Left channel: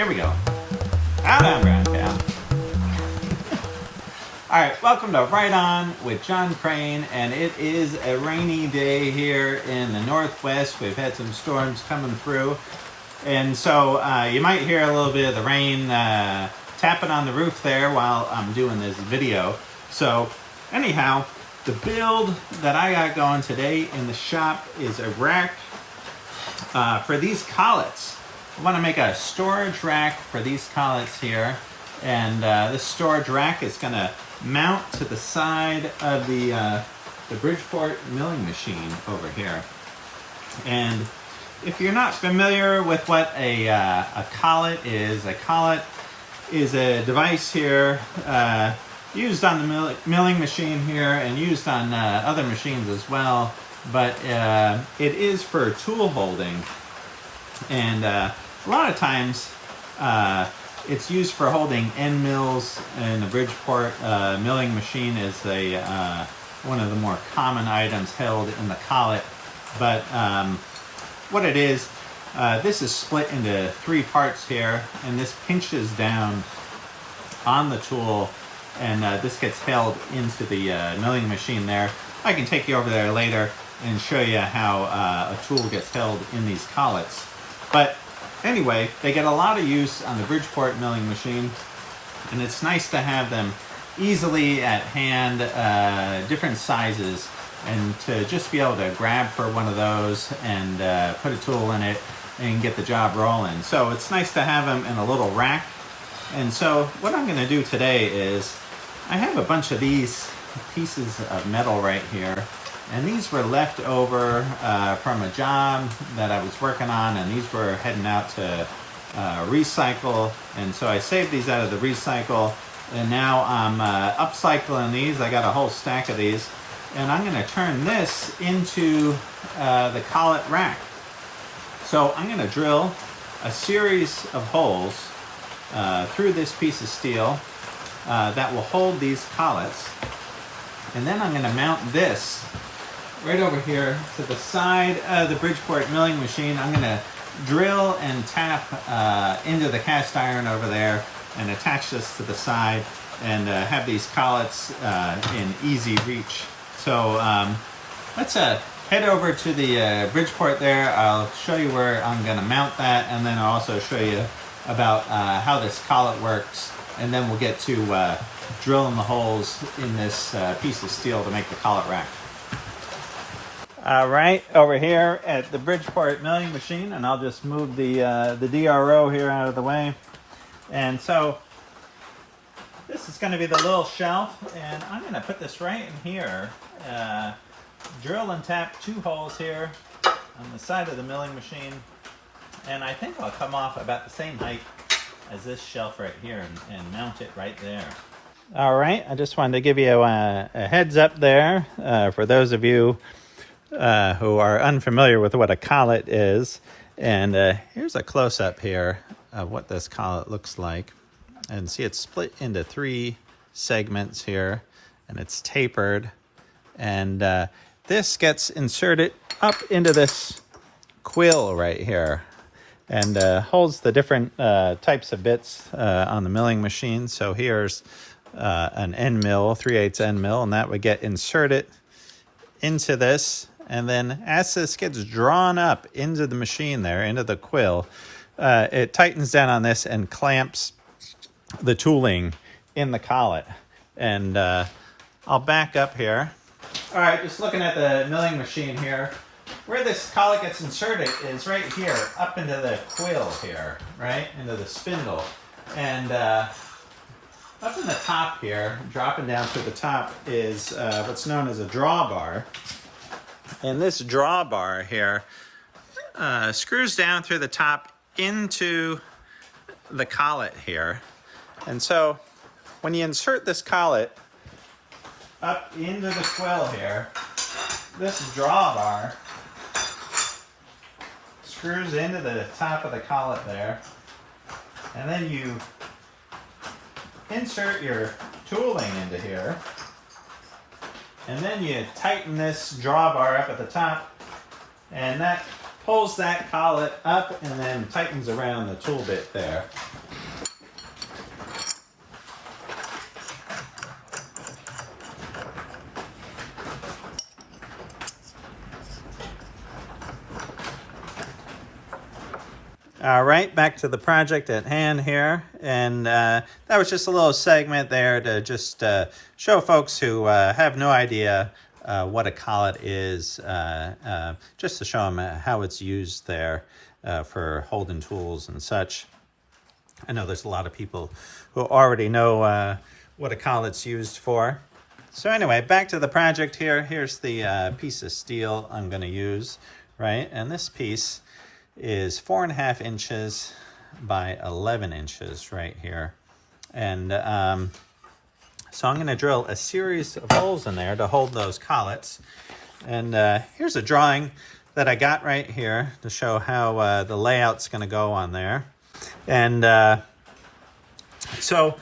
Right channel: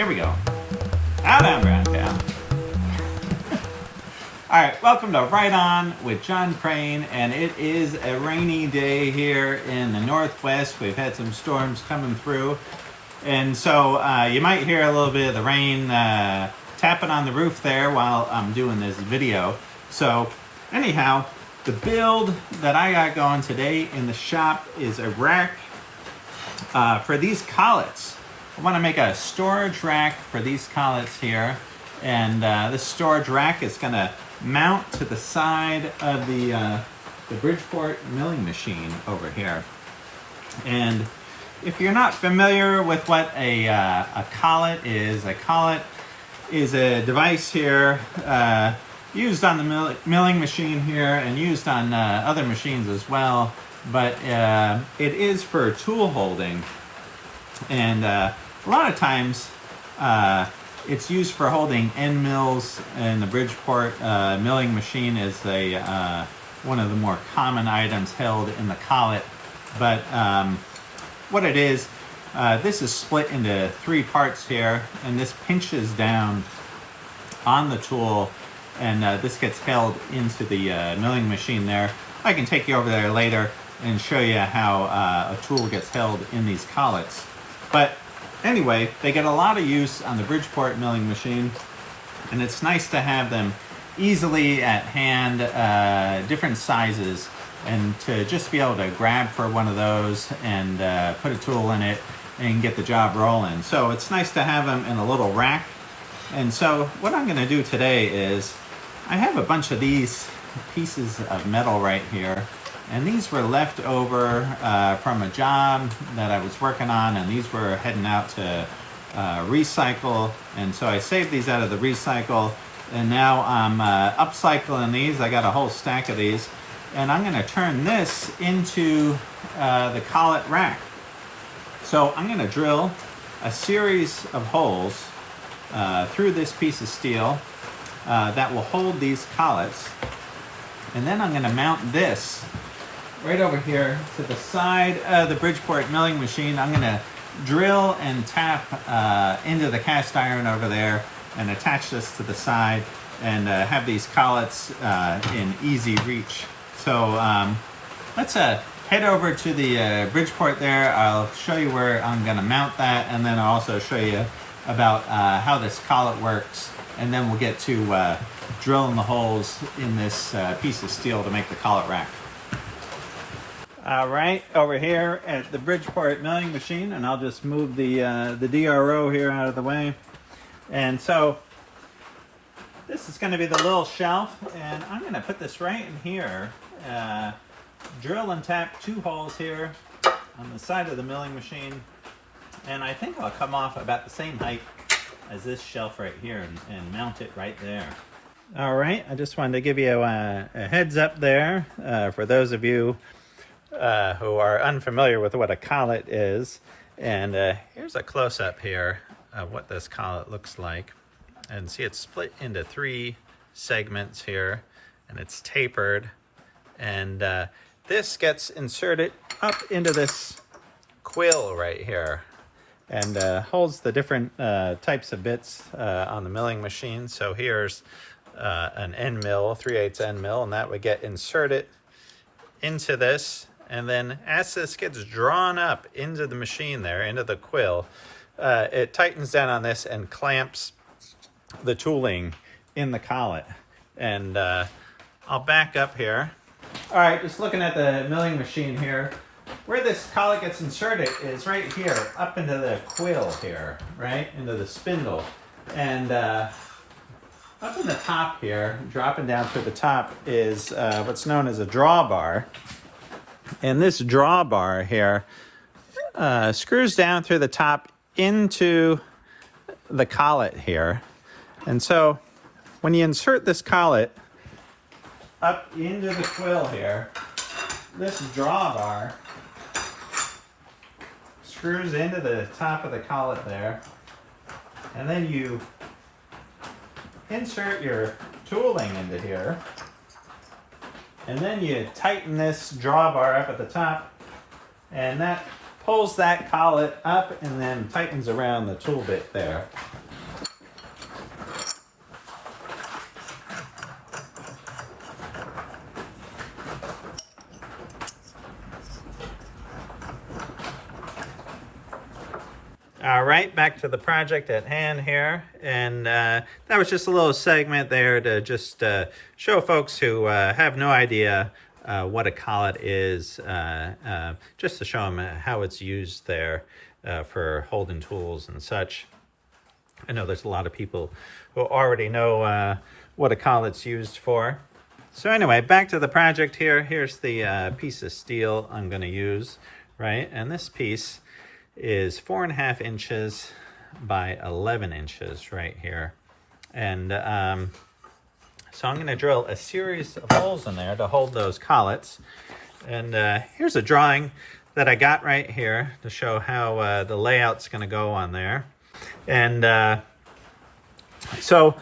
Here we go. Out on ground cow. Alright, welcome to Right On with Jon Crane, and it is a rainy day here in the Northwest. We've had some storms coming through, and so you might hear a little bit of the rain tapping on the roof there while I'm doing this video. So anyhow, the build that I got going today in the shop is a rack for these collets. I want to make a storage rack for these collets here, and this storage rack is going to mount to the side of the Bridgeport milling machine over here. And if you're not familiar with what a collet is a device here used on the milling machine here and used on other machines as well, but it is for tool holding. And a lot of times it's used for holding end mills, and the Bridgeport milling machine is one of the more common items held in the collet. But what it is, this is split into three parts here, and this pinches down on the tool, and this gets held into the milling machine there. I can take you over there later and show you how a tool gets held in these collets. But anyway, they get a lot of use on the Bridgeport milling machine, and it's nice to have them easily at hand, different sizes, and to just be able to grab for one of those and put a tool in it and get the job rolling. So it's nice to have them in a little rack. And so what I'm going to do today is I have a bunch of these pieces of metal right here, and these were left over from a job that I was working on, and these were heading out to recycle. And so I saved these out of the recycle, and now I'm upcycling these. I got a whole stack of these, and I'm going to turn this into the collet rack. So I'm going to drill a series of holes through this piece of steel that will hold these collets, and then I'm going to mount this right over here to the side of the Bridgeport milling machine. I'm going to drill and tap into the cast iron over there and attach this to the side and have these collets in easy reach. So let's head over to the Bridgeport there. I'll show you where I'm going to mount that, and then I'll also show you about how this collet works, and then we'll get to drilling the holes in this piece of steel to make the collet rack. All right, over here at the Bridgeport milling machine, and I'll just move the DRO here out of the way. And so this is going to be the little shelf, and I'm going to put this right in here. Drill and tap two holes here on the side of the milling machine, and I think I'll come off about the same height as this shelf right here and mount it right there. All right, I just wanted to give you a heads up there for those of you who are unfamiliar with what a collet is. And here's a close-up here of what this collet looks like. And see, it's split into three segments here, and it's tapered. And this gets inserted up into this quill right here, and holds the different types of bits on the milling machine. So here's an end mill, 3/8 end mill, and that would get inserted into this. And then as this gets drawn up into the machine there, into the quill, it tightens down on this and clamps the tooling in the collet. And I'll back up here. All right, just looking at the milling machine here, where this collet gets inserted is right here, up into the quill here, right, into the spindle. And up in the top here, dropping down through the top, is what's known as a drawbar. And this drawbar here screws down through the top into the collet here. And so when you insert this collet up into the quill here, this drawbar screws into the top of the collet there, and then you insert your tooling into here, and then you tighten this drawbar up at the top, and that pulls that collet up and then tightens around the tool bit there. All right, back to the project at hand here. And that was just a little segment there to just show folks who have no idea what a collet is, just to show them how it's used there for holding tools and such. I know there's a lot of people who already know what a collet's used for. So anyway, back to the project here. Here's the piece of steel I'm going to use, right? And this piece is 4.5 inches by 11 inches right here. And so I'm going to drill a series of holes in there to hold those collets. And here's a drawing that I got right here to show how the layout's going to go on there. And so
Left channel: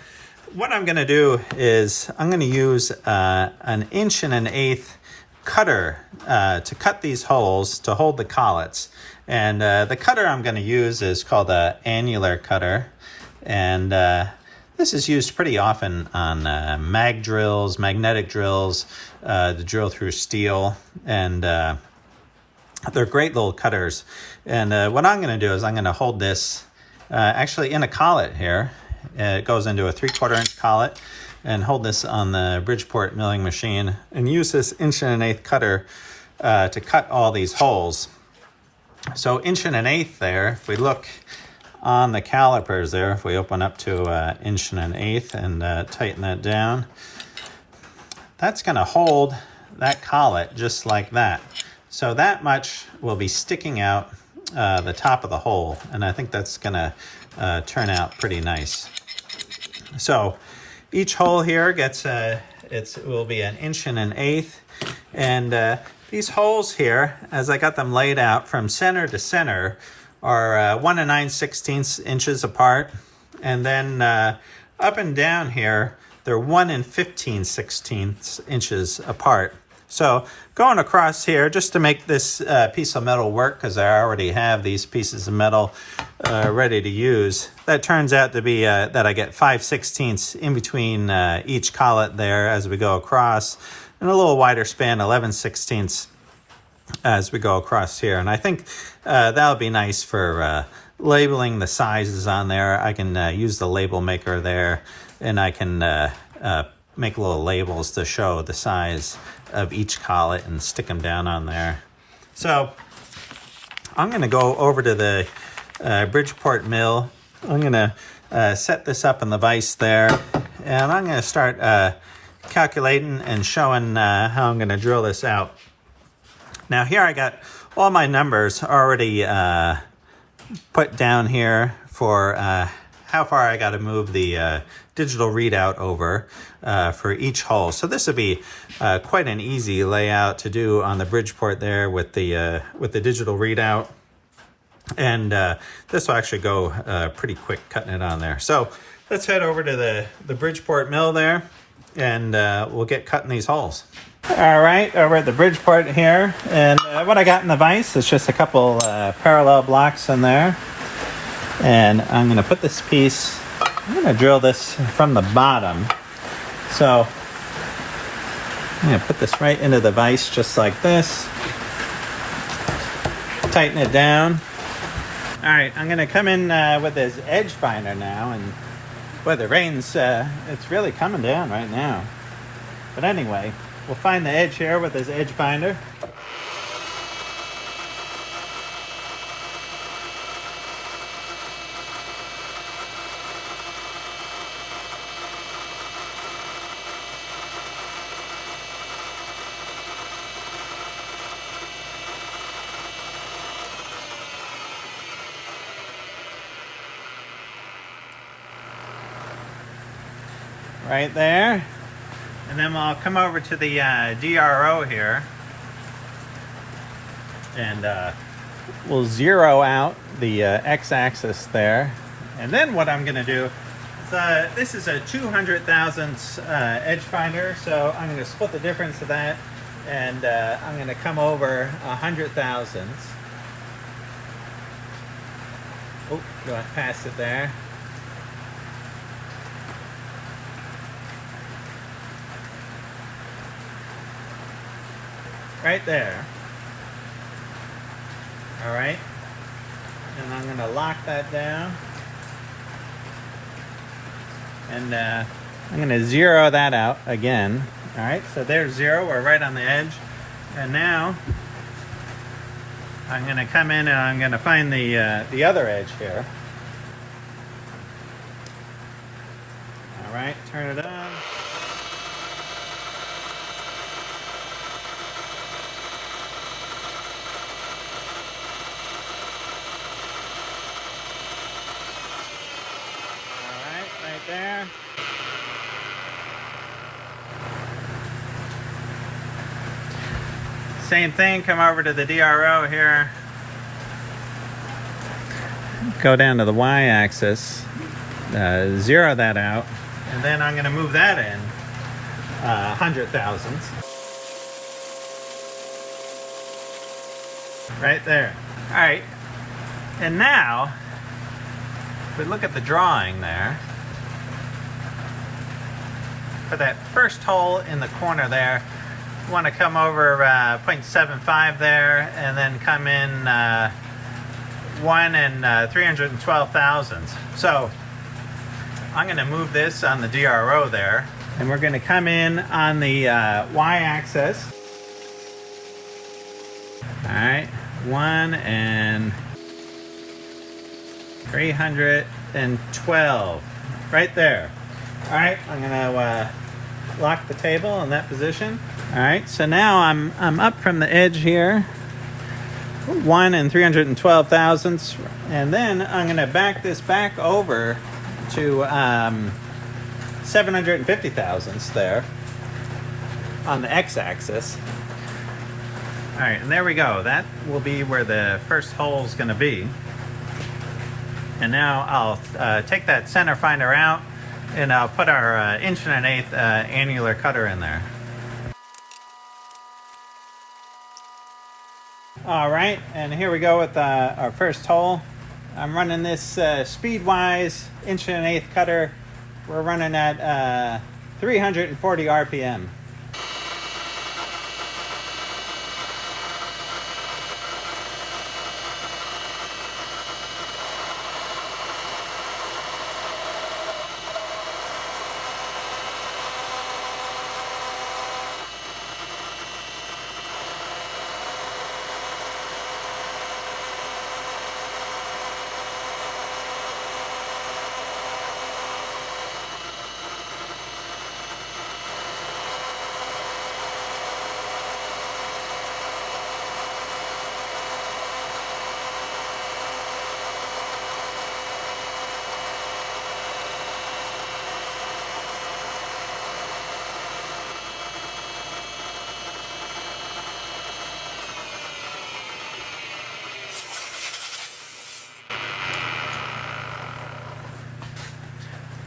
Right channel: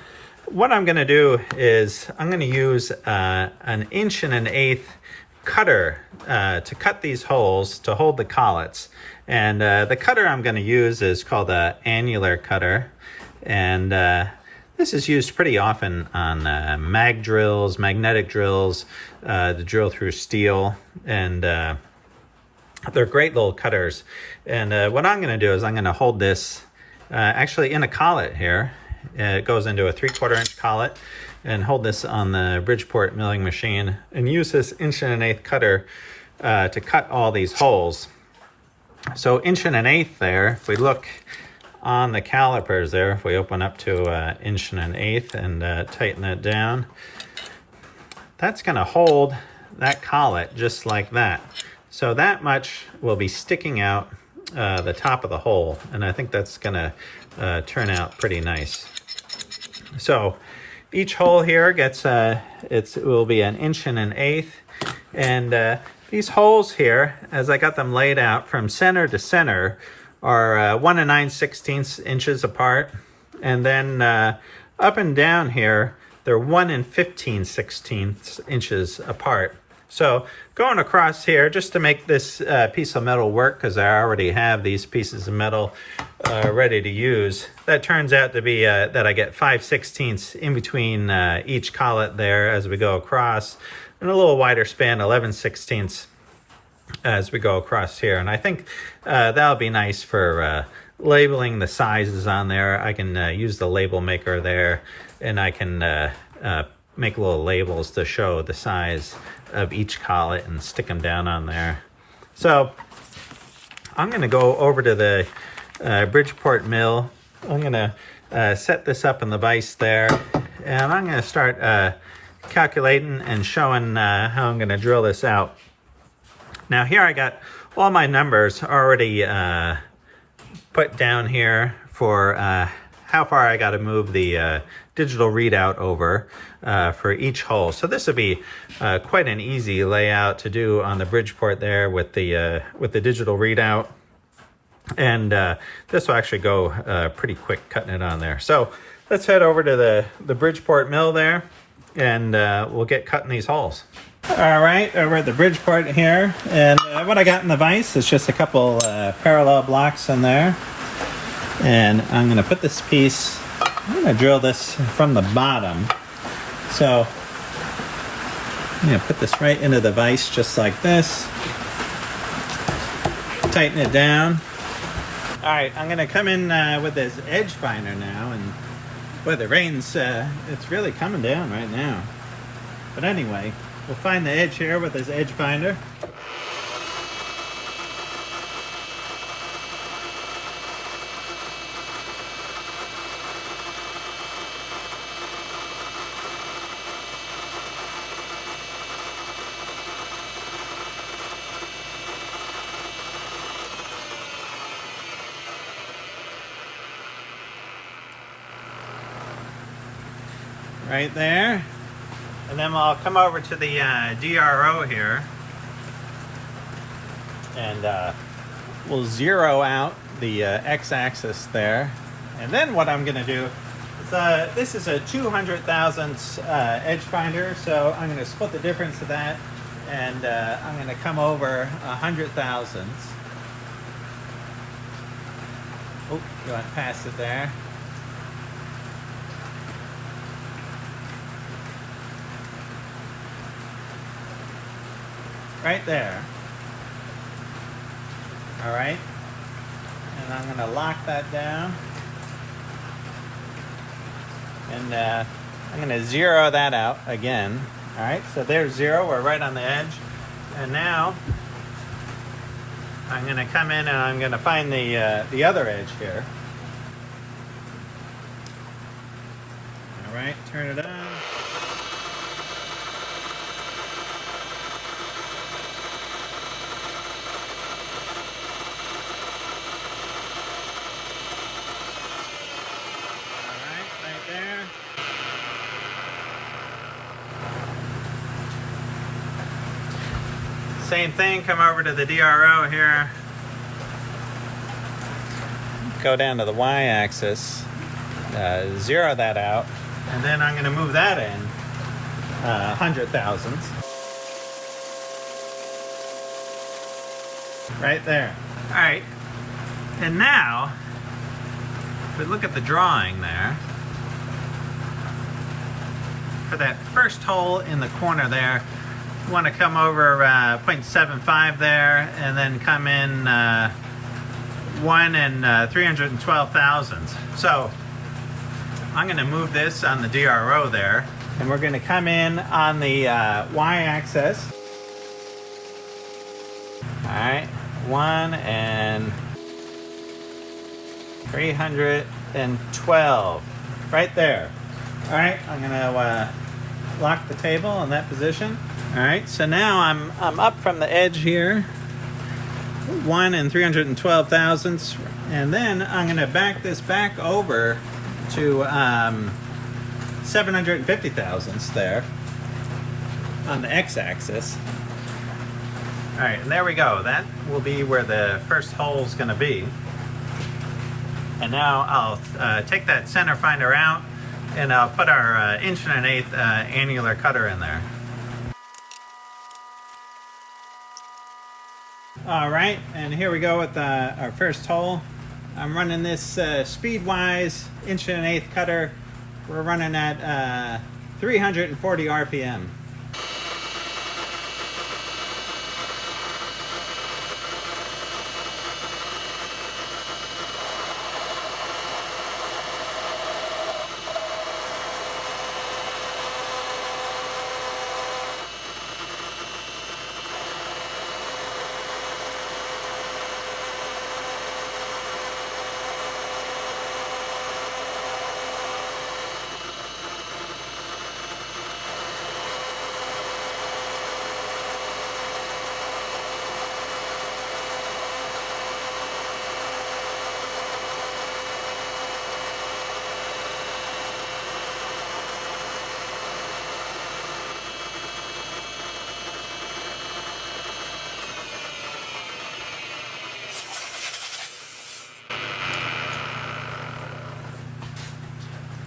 what I'm going to do is I'm going to use an 1.1 inch cutter to cut these holes to hold the collets. And the cutter I'm going to use is called an annular cutter. And this is used pretty often on mag drills, magnetic drills, to drill through steel. And they're great little cutters. And what I'm going to do is I'm going to hold this actually in a collet here. It goes into a 3/4 inch collet, and hold this on the Bridgeport milling machine and use this 1.1 inch cutter to cut all these holes. So 1.1 inch there, if we look on the calipers there, if we open up to 1.1 inch and tighten that down, that's going to hold that collet just like that. So that much will be sticking out the top of the hole, and I think that's going to turn out pretty nice. So each hole here gets it will be 1.1 inch, and these holes here, as I got them laid out from center to center, are 1 9/16 inches apart, and then up and down here they're 1 15/16 inches apart. So going across here, just to make this piece of metal work, because I already have these pieces of metal ready to use, that turns out to be that I get 5/16 in between each collet there as we go across, and a little wider span, 11/16 as we go across here. And I think that'll be nice for labeling the sizes on there. I can use the label maker there, and I can make little labels to show the size of each collet and stick them down on there. So I'm going to go over to the Bridgeport Mill. I'm going to set this up in the vise there, and I'm going to start calculating and showing how I'm going to drill this out. Now here I got all my numbers already put down here for how far I got to move the digital readout over for each hole. So this would be quite an easy layout to do on the Bridgeport there with the digital readout. And this will actually go pretty quick cutting it on there. So let's head over to the Bridgeport Mill there, and we'll get cutting these holes. All right, over at the Bridgeport here, and what I got in the vise is just a couple parallel blocks in there. And I'm going to put this piece, I'm going to drill this from the bottom. So I'm going to put this right into the vise just like this. Tighten it down. All right, I'm going to come in with this edge finder now, and boy, the rain's, it's really coming down right now. But anyway, we'll find the edge here with this edge finder. Right there. And then I'll come over to the DRO here, and we'll zero out the x-axis there. And then what I'm going to do is, this is a 200 thousandths edge finder, so I'm going to split the difference of that, and I'm going to come over 100 thousandths. Oh, got past it there. Right there. All right. and I'm going to lock that down. And I'm going to zero that out again. All right, so there's 0. We're right on the edge. And now I'm going to come in and I'm going to find the other edge here. All right, turn it on. There. Same thing, come over to the DRO here. Go down to the y-axis, zero that out, and then I'm going to move that in 100,000s. Right there. All right, and now, if we look at the drawing there, for that first hole in the corner there, you want to come over 0.75 there, and then come in 1 and 312 thousandths. So I'm going to move this on the DRO there, and we're going to come in on the y-axis. All right, 1 and 312, right there. All right, I'm gonna lock the table in that position. All right, so now I'm up from the edge here, 1 and 312 thousandths, and then I'm gonna back this back over to 750 thousandths there on the x-axis. All right, and there we go. That will be where the first hole is gonna be. And now I'll take that center finder out, and I'll put our 1 1/8" annular cutter in there. All right, and here we go with our first hole. I'm running this Speedwise 1 1/8" cutter. We're running at 340 RPM.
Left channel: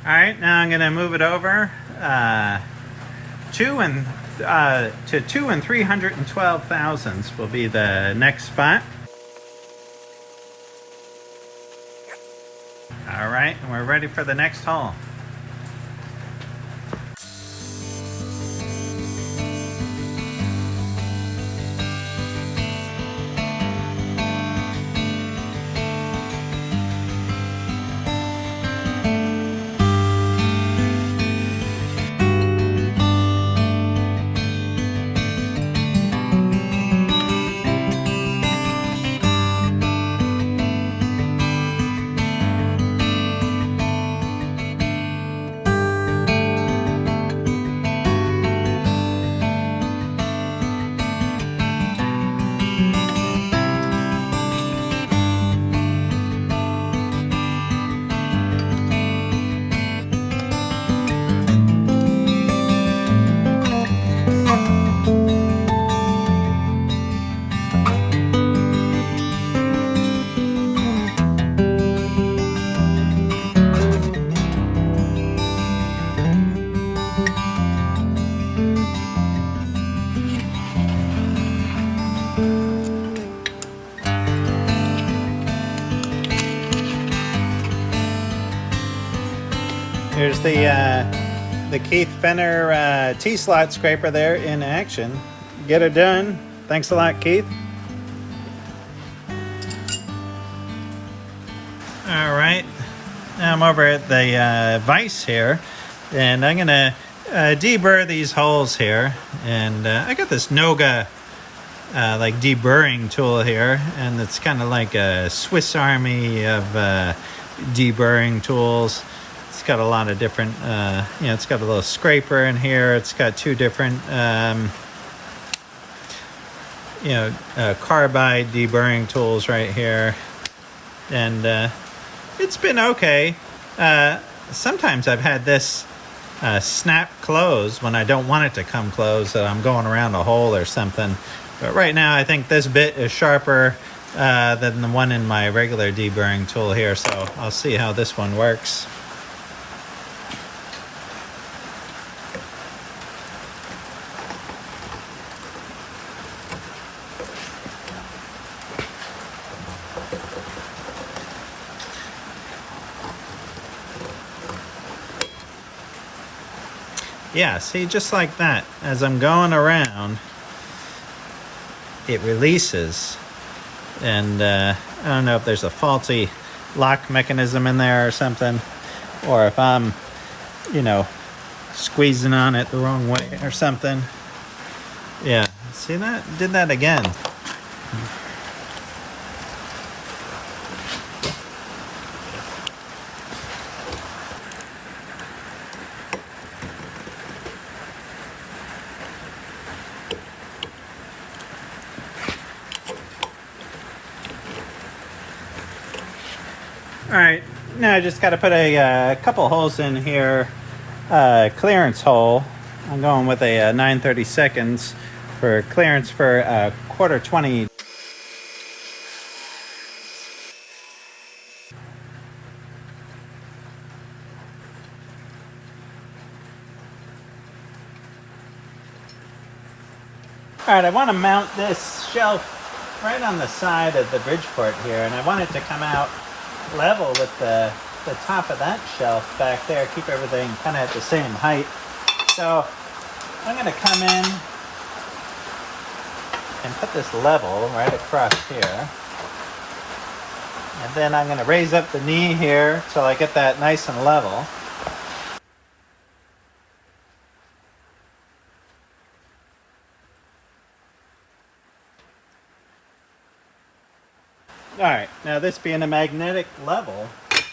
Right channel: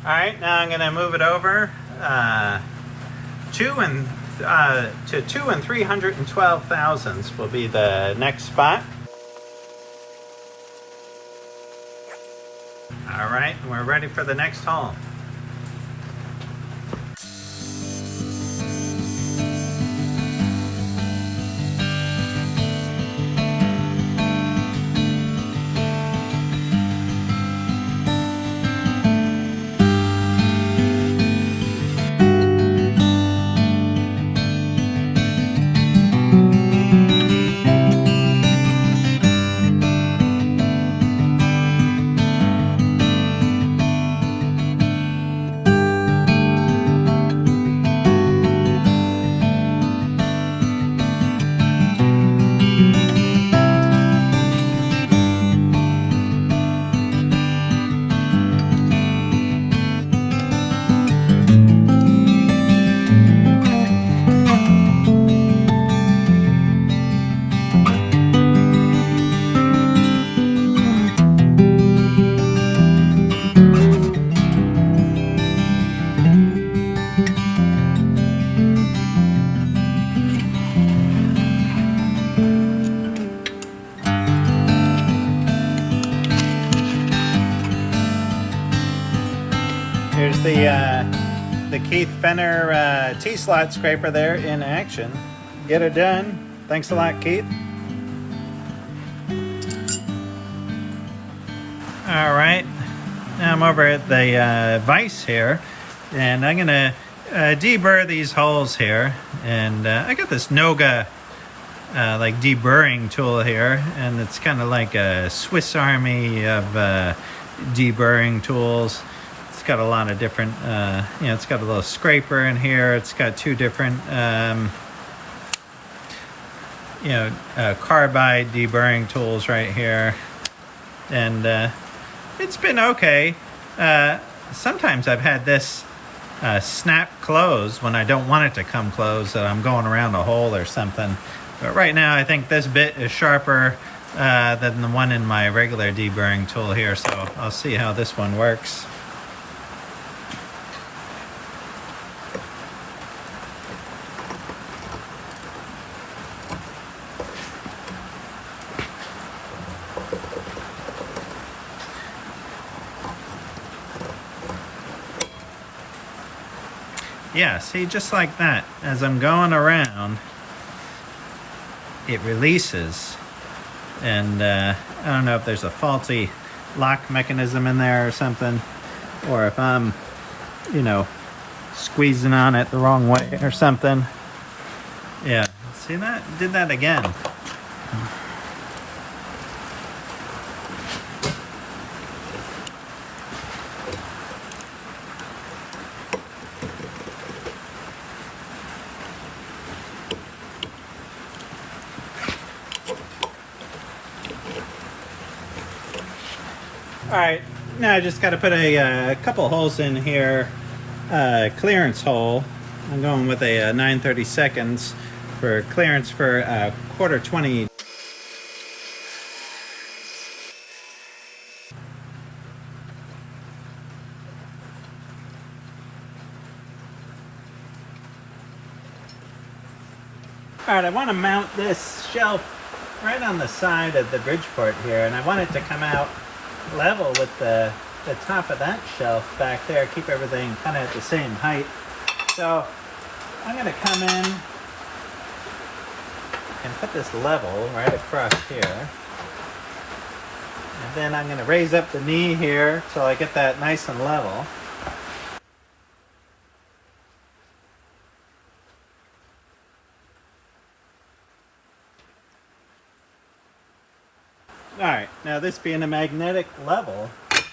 All right, now I'm going to move it over to 2 and 312 thousandths will be the next spot. All right, we're ready for the next hole. Here's the Keith Fenner T-slot scraper there in action. Get it done. Thanks a lot, Keith. All right, now I'm over at the vise here, and I'm gonna deburr these holes here. And I got this Noga like deburring tool here, and it's kind of like a Swiss Army of deburring tools. It's got a lot of different, it's got a little scraper in here. It's got two different, carbide deburring tools right here. And it's been okay. Sometimes I've had this snap close when I don't want it to come close, so I'm going around a hole or something. But right now I think this bit is sharper than the one in my regular deburring tool here, so I'll see how this one works. Yeah, see, just like that, as I'm going around, it releases. And I don't know if there's a faulty lock mechanism in there or something, or if I'm, squeezing on it the wrong way or something. Yeah, see that? Did that again. All right, now I just got to put a couple holes in here. Clearance hole. I'm going with a 9/32 for clearance for 1/4-20. All right, I want to mount this shelf right on the side of the Bridgeport here, and I want it to come out level with the top of that shelf back there, keep everything kind of at the same height. So I'm going to come in and put this level right across here. And then I'm going to raise up the knee here till I get that nice and level. Alright, now this being a magnetic level, I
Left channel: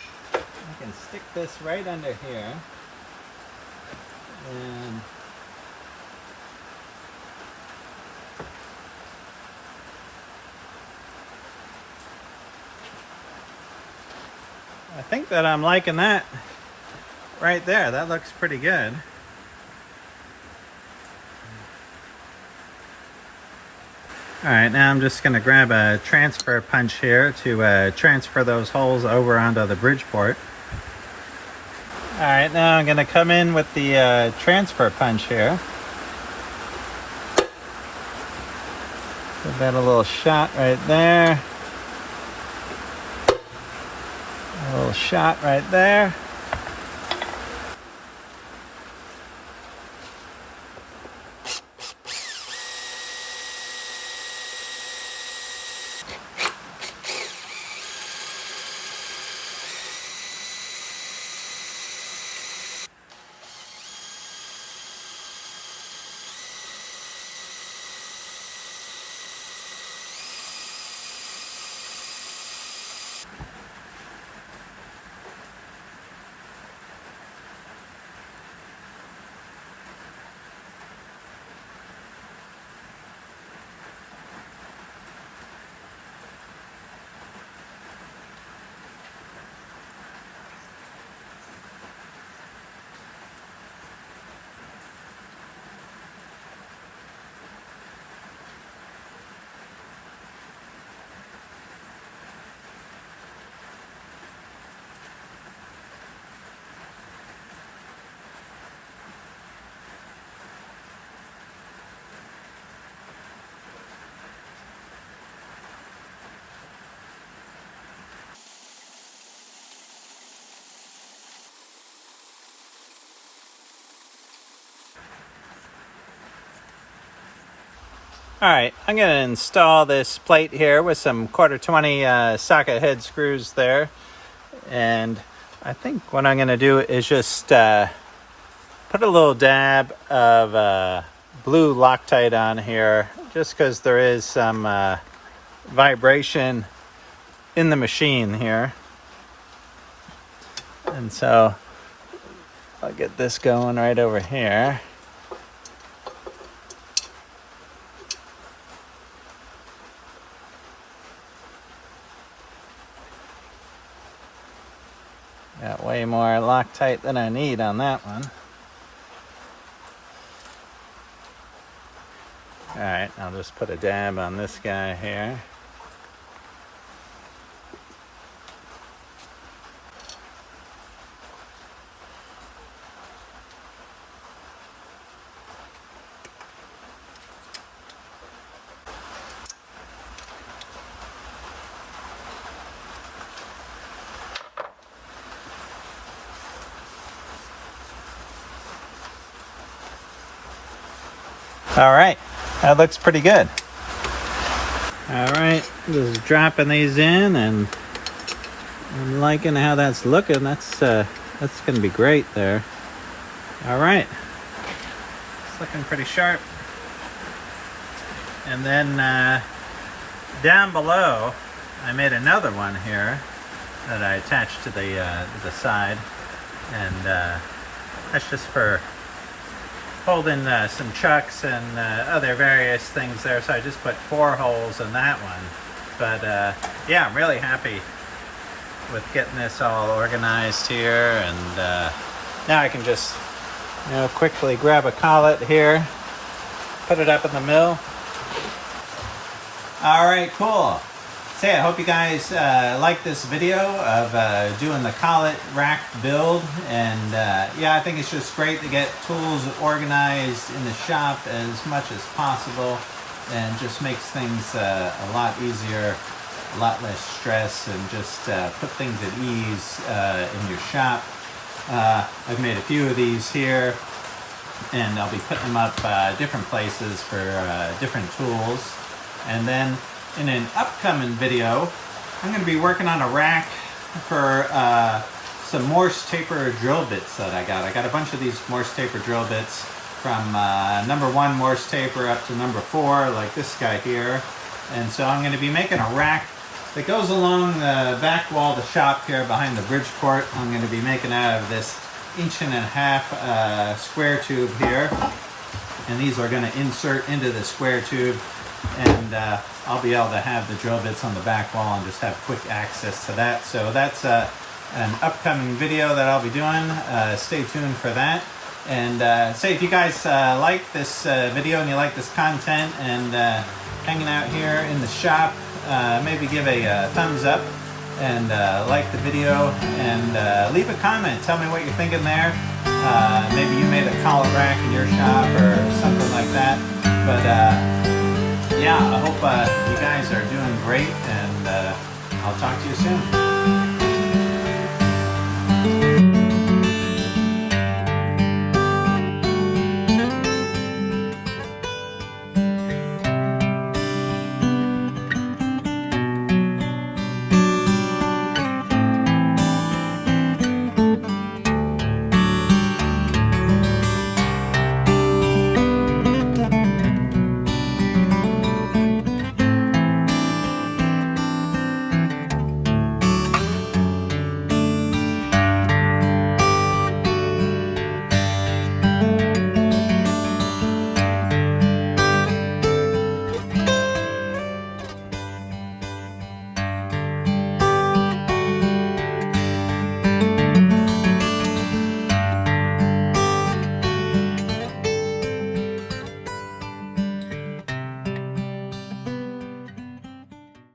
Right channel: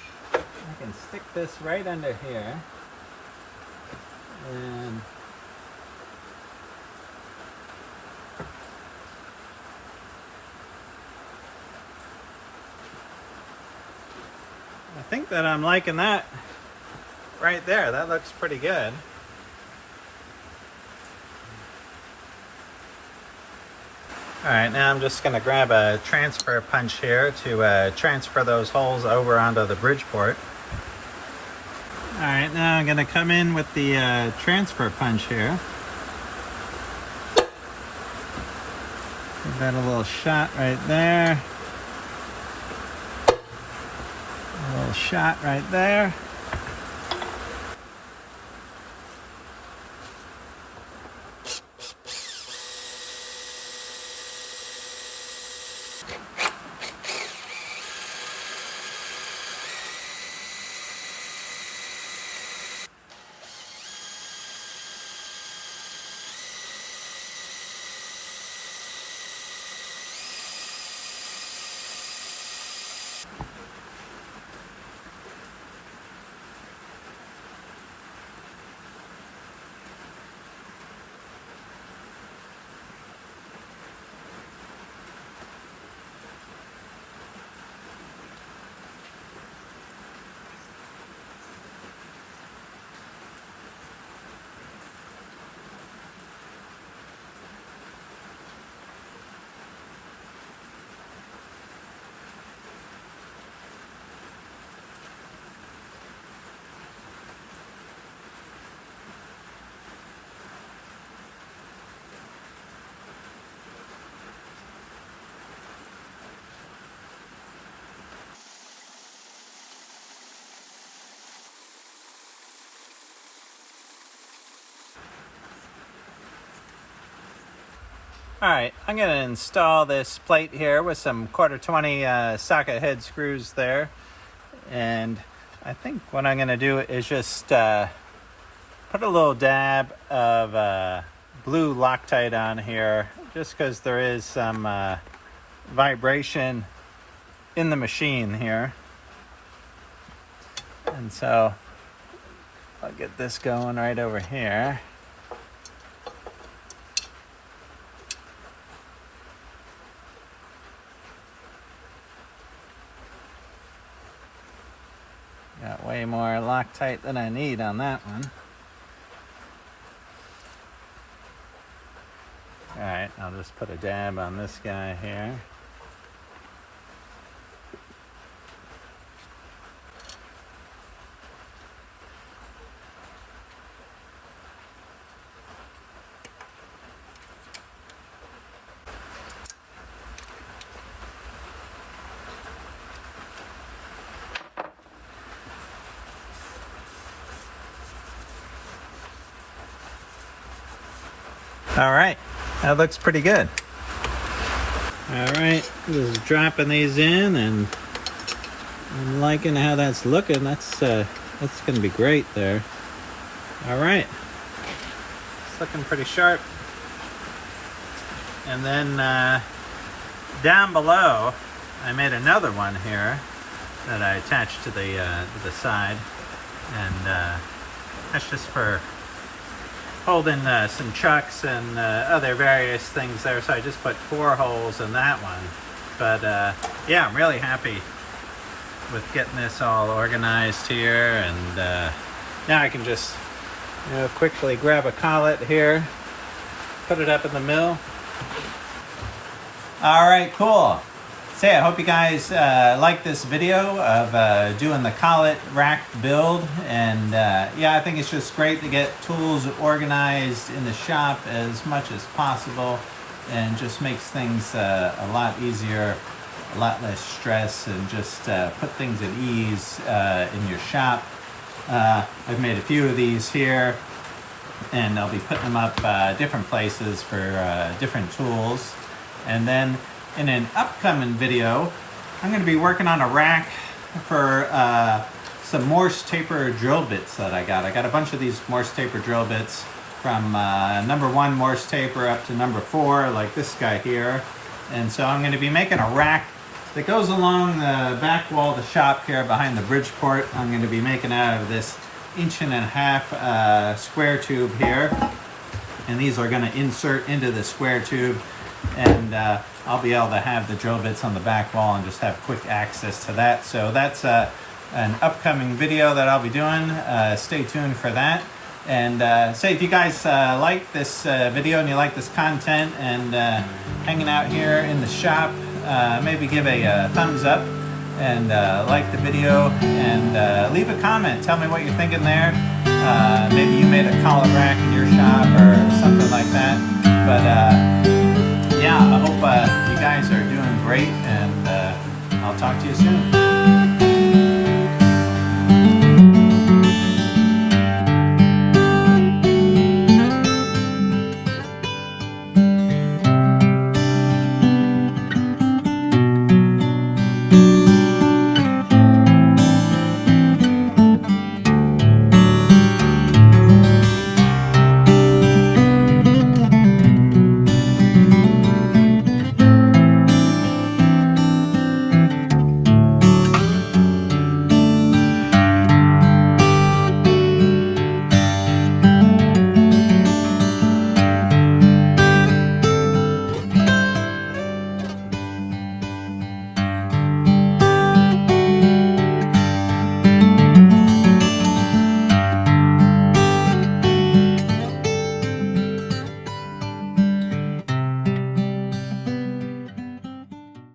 can stick this right under here. And I think that I'm liking that right there. That looks pretty good. Alright, now I'm just going to grab a transfer punch here to transfer those holes over onto the Bridgeport. Alright, now I'm going to come in with the transfer punch here. Give that a little shot right there. A little shot right there. Alright, I'm going to install this plate here with some 1/4-20 socket head screws there. And I think what I'm going to do is just put a little dab of blue Loctite on here, just because there is some vibration in the machine here. And so I'll get this going right over here. Got way more Loctite than I need on that one. Alright, I'll just put a dab on this guy here. All right, that looks pretty good. All right, just dropping these in, and I'm liking how that's looking. That's gonna be great there. All right, it's looking pretty sharp. And then down below, I made another one here that I attached to the side, and that's just for holding some chucks and other various things there. So I just put 4 holes in that one. But yeah, I'm really happy with getting this all organized here. And now I can just, quickly grab a collet here, put it up in the mill. All right, cool. So yeah, I hope you guys like this video of doing the collet rack build. And yeah, I think it's just great to get tools organized in the shop as much as possible, and just makes things a lot easier, a lot less stress, and just put things at ease in your shop. I've made a few of these here, and I'll be putting them up different places for different tools. And then in an upcoming video, I'm going to be working on a rack for some Morse taper drill bits that I got. I got a bunch of these Morse taper drill bits from number 1 Morse taper up to number 4, like this guy here. And so I'm going to be making a rack that goes along the back wall of the shop here behind the Bridgeport. I'm going to be making out of this 1.5" square tube here. And these are going to insert into the square tube. And I'll be able to have the drill bits on the back wall and just have quick access to that. So that's an upcoming video that I'll be doing. Stay tuned for that. And say if you guys like this video and you like this content and hanging out here in the shop, maybe give a thumbs up and like the video, and leave a comment. Tell me what you're thinking there. Maybe you made a collet rack in your shop or something like that. But yeah, I hope you guys are doing great, and I'll talk to you soon.